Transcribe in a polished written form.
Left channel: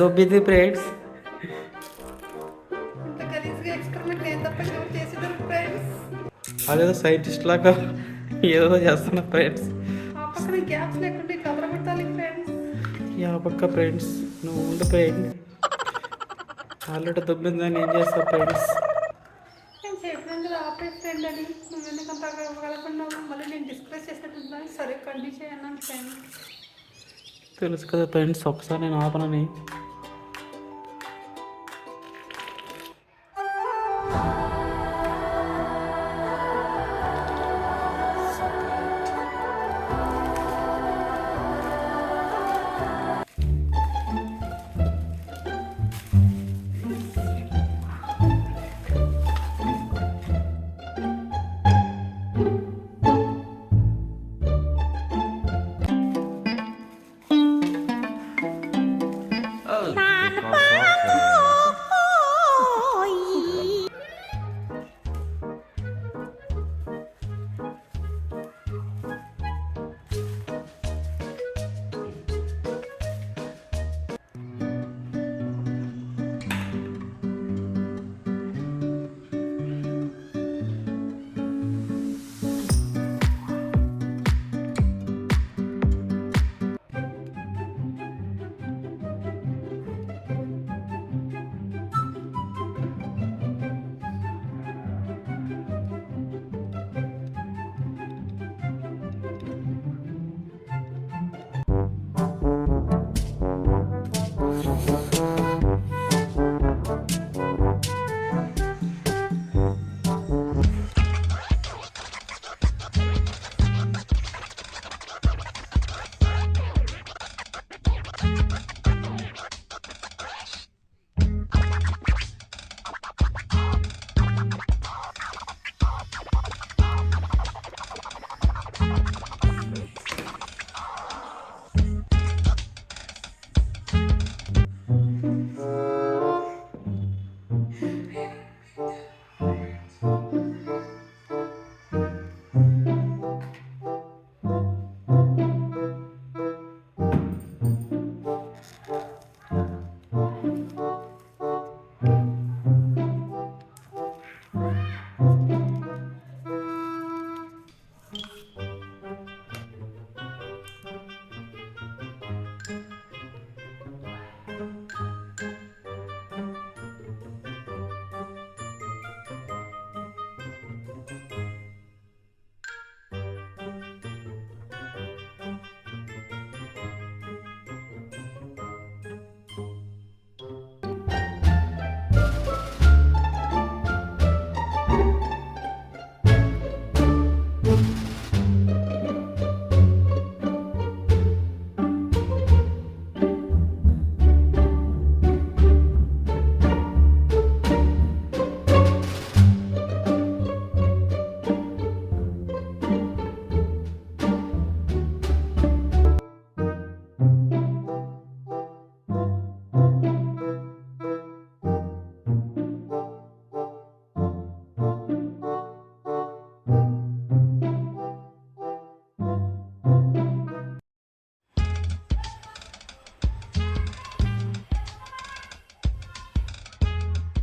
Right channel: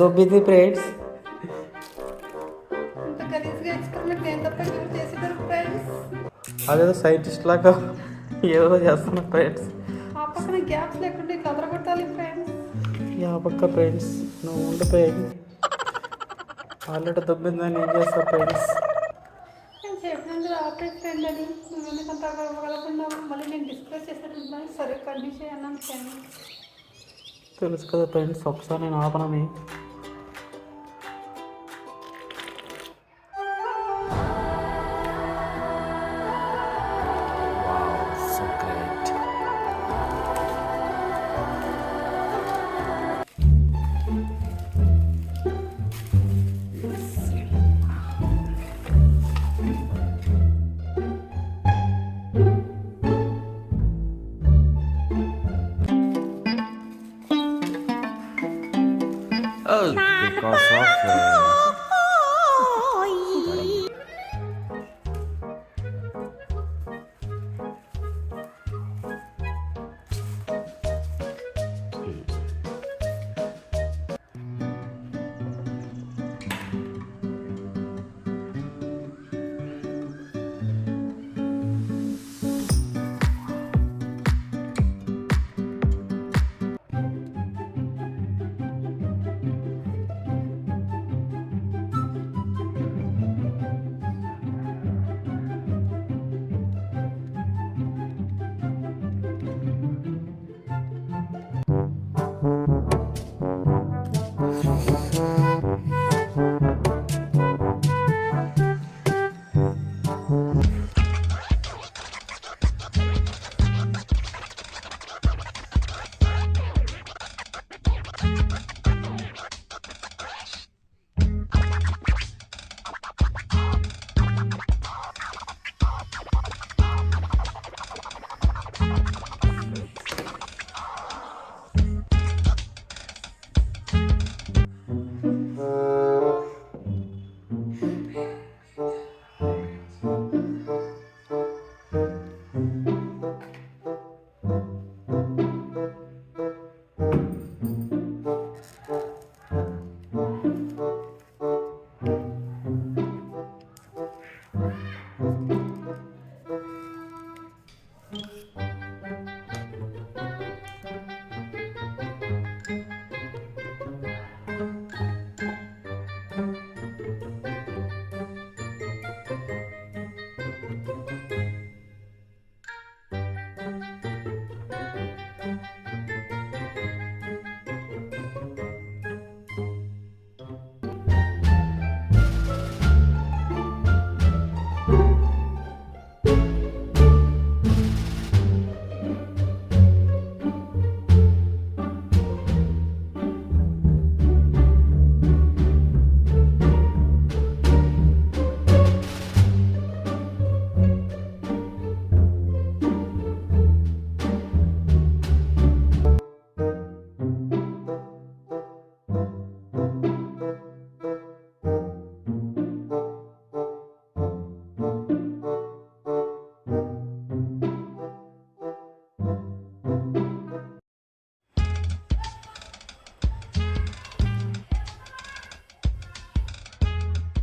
దొబ్బింది ఫ్రెండ్స్. ఇంత గలీజ్గా ఎక్స్పెరిమెంట్ నేను తప్ప ఎవరు చేసేటారు ఫ్రెండ్స్. అదేదో సైంటిస్ట్ లాగా ఏదో చేస్తున్నా ఫ్రెండ్స్. ఆ పక్కన గ్యాప్స్ లేకుండా ఇట్లా అదరగొట్టాలి ఫ్రెండ్స్. యా పక్క ఫ్రెండ్స్ నువ్వు ఉండిపోయాయి ఆల్రెడీ దొబ్బిందని ఏం చేస్తావు ఫ్రెండ్స్. నేను చెప్పినాను కదా ఆపరే ఫ్రెండ్ అని, నువ్వు ఎందుకంత కలపన్నావు. మళ్ళీ నేను డిస్కస్ చేసేటట్టు సరే కంటిన్యూ చేయన్నాను ఫ్రెండ్. తెలుసు కదా ఫ్రెండ్స్ ఒకసారి నేను ఆపనని.